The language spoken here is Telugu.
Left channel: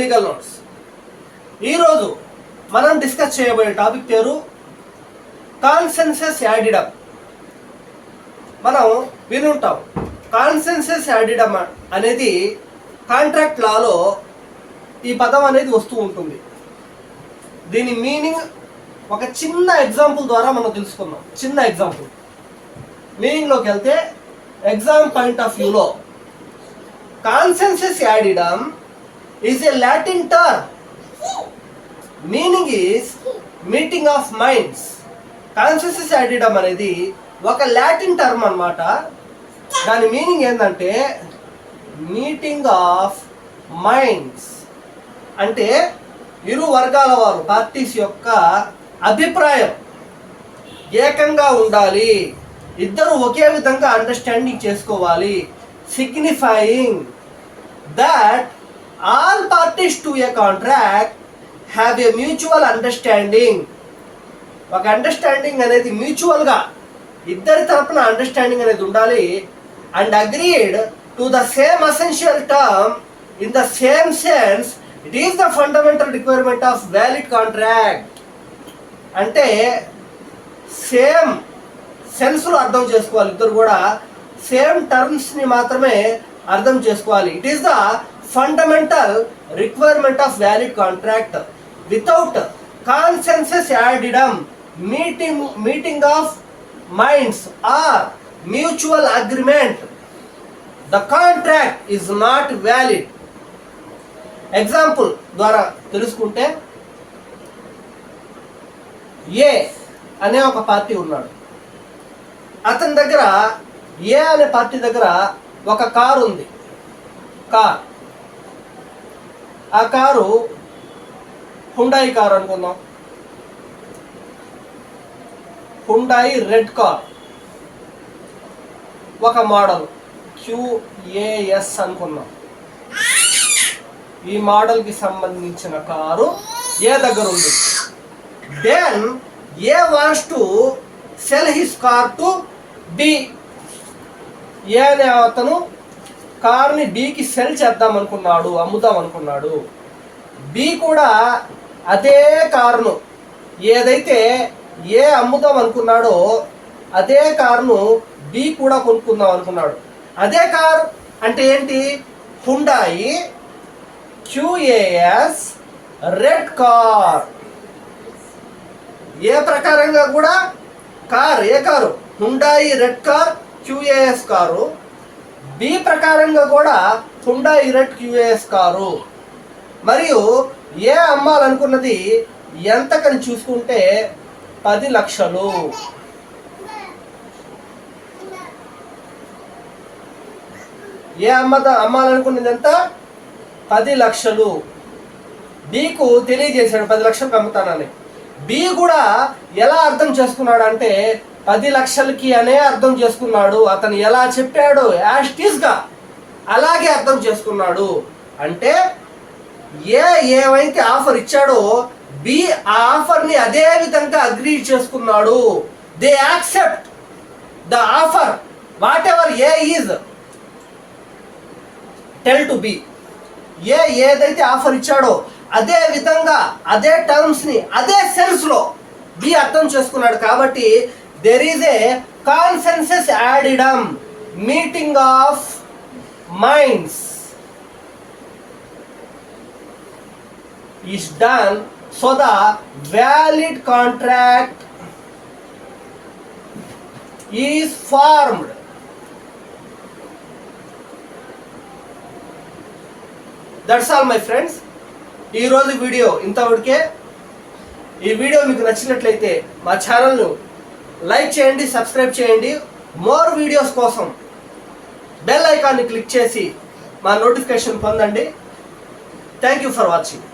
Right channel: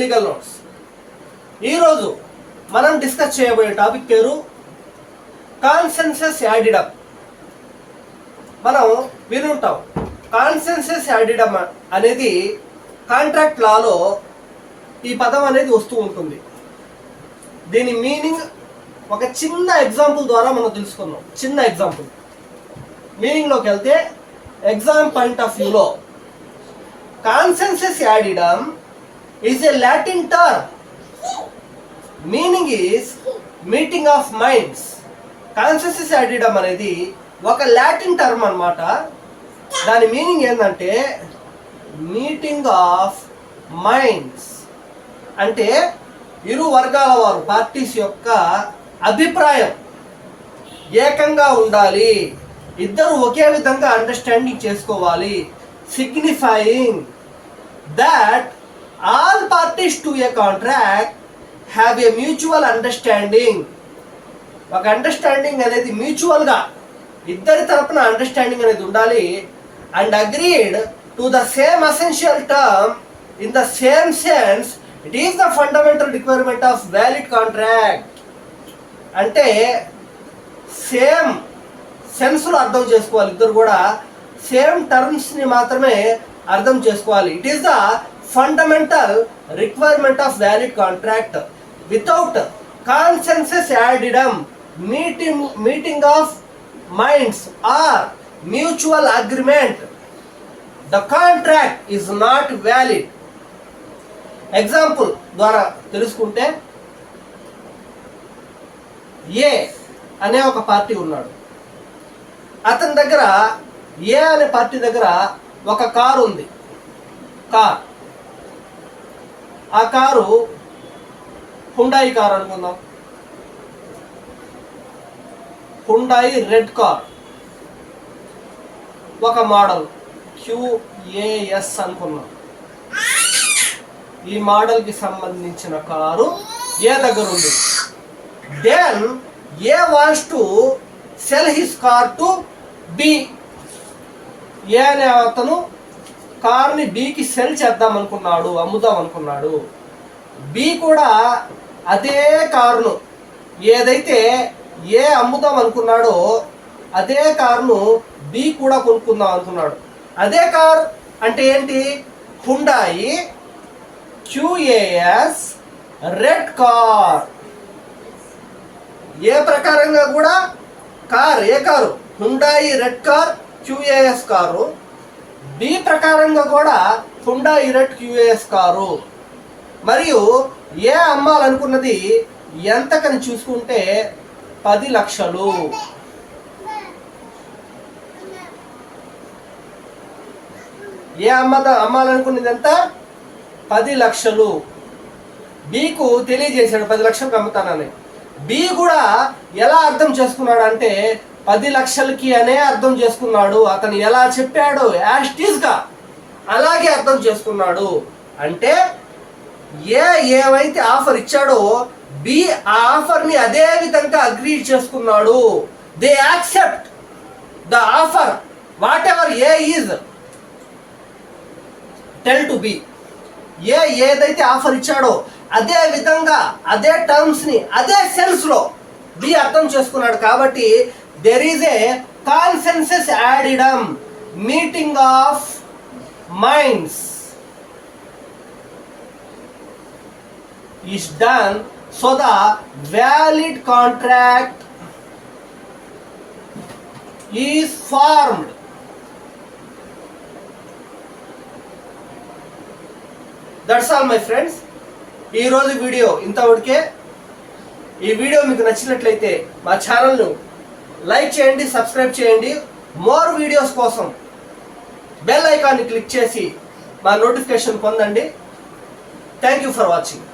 Legal notes. ఈరోజు మనం డిస్కస్ చేయబోయే టాపిక్ పేరు కాన్సెన్సస్ యాడిడమ్. మనం వినుంటాం, కాన్సెన్సస్ యాడిడమ్ అనేది కాంట్రాక్ట్ లాలో ఈ పదం అనేది వస్తూ ఉంటుంది. దీని మీనింగ్ ఒక చిన్న ఎగ్జాంపుల్ ద్వారా మనం తెలుసుకుందాం. చిన్న ఎగ్జాంపుల్ మీనింగ్లోకి వెళ్తే, ఎగ్జామ్ పాయింట్ ఆఫ్ వ్యూలో consensus ad idem is a Latin term. Meaning is meeting of minds. Consensus ad idem అనేది ఒక లాటిన్ టర్మ్ అన్నమాట. దాని మీనింగ్ ఏంటంటే మీటింగ్ ఆఫ్ మైండ్స్. అంటే ఇరు వర్గాల వారు, పార్టీస్ యొక్క అభిప్రాయం ఏకంగా ఉండాలి, ఇద్దరు ఒకే విధంగా అండర్స్టాండింగ్ చేసుకోవాలి. Signifying that all parties to a contract have a mutual understanding. ఒక అండర్స్టాండింగ్ అనేది మ్యూచువల్గా ఇద్దరి తరపున అండర్స్టాండింగ్ అనేది ఉండాలి. And agreed to the same essential term in the same sense. It is the fundamental requirement of valid contract. అంటే సేమ్ సెన్స్లో అర్థం చేసుకోవాలి, ఇద్దరు కూడా సేమ్ టర్మ్స్ని మాత్రమే అర్థం చేసుకోవాలి. It is the fundamental requirement of valid contract. Without consensus ad idem, meeting of minds are mutual agreement, the contract is not valid. Example ద్వారా తెలుసుకుంటే, ఏ అనే ఒక పార్టీ ఉన్నాడు. అతని దగ్గర, ఏ అనే పార్టీ దగ్గర ఒక కారు ఉంది. ఆ కారు హుండాయి కారు అనుకుందాం. హుండాయి రెడ్ కార్, ఒక మోడల్ QAS అనుకున్నాం. ఈ మోడల్కి సంబంధించిన కారు ఏ దగ్గర ఉంది. Then A wants to sell his car to B. A అనే అతను కార్ని బికి సెల్ చేద్దాం అనుకున్నాడు, అమ్ముదాం అనుకున్నాడు. బి కూడా అదే కారును, ఏదైతే ఏ అమ్ముదాం అనుకున్నాడో అదే కారును బి కూడా కొనుక్కుందాం అనుకున్నాడు. అదే కార్ అంటే ఏంటి? Hyundai QAS red car. A ప్రకారంగా కూడా car, A car? Hyundai red car QAS car. B ప్రకారంగా కూడా హుండాయి రెడ్ QAS కారు. మరియు ఏ అమ్మాలనుకున్నది ఎంతకని చూసుకుంటే 10 లక్షలు. ఏ అమ్మాలనుకున్నది ఎంత? 10 లక్షలు. బికు తెలియజేశాడు 10 లక్షలకు అమ్ముతానని. బి కూడా ఎలా అర్థం చేసుకున్నాడు అంటే 10 లక్షలకి అనే అర్థం చేసుకున్నాడు. అతను ఎలా చెప్పాడు యాస్టీస్గా అలాగే అర్థం చేసుకున్నాడు. అంటే ఏవైతే ఆఫర్ ఇచ్చాడో బి ఆ ఆఫర్ని అదే విధంగా అగ్రీ చేసుకున్నాడు. They accept the offer what ever A is tell to be. ఏదైతే ఆఫర్ ఇచ్చాడో అదే విధంగా, అదే టర్మ్స్ని అదే సెన్స్లో బి అర్థం చేసుకున్నాడు. కాబట్టి there is a consensus addendum, meeting of minds is done so the valid contract is formed. That's all my friends. ఈ రోజు వీడియో ఇంతవరకే. ఈ వీడియో మీకు నచ్చినట్లయితే మా ఛానల్ను లైక్ చేయండి, సబ్స్క్రైబ్ చేయండి. మోర్ వీడియోస్ కోసం బెల్ ఐకాన్ని క్లిక్ చేసి మా నోటిఫికేషన్ పొందండి. Thank you for watching.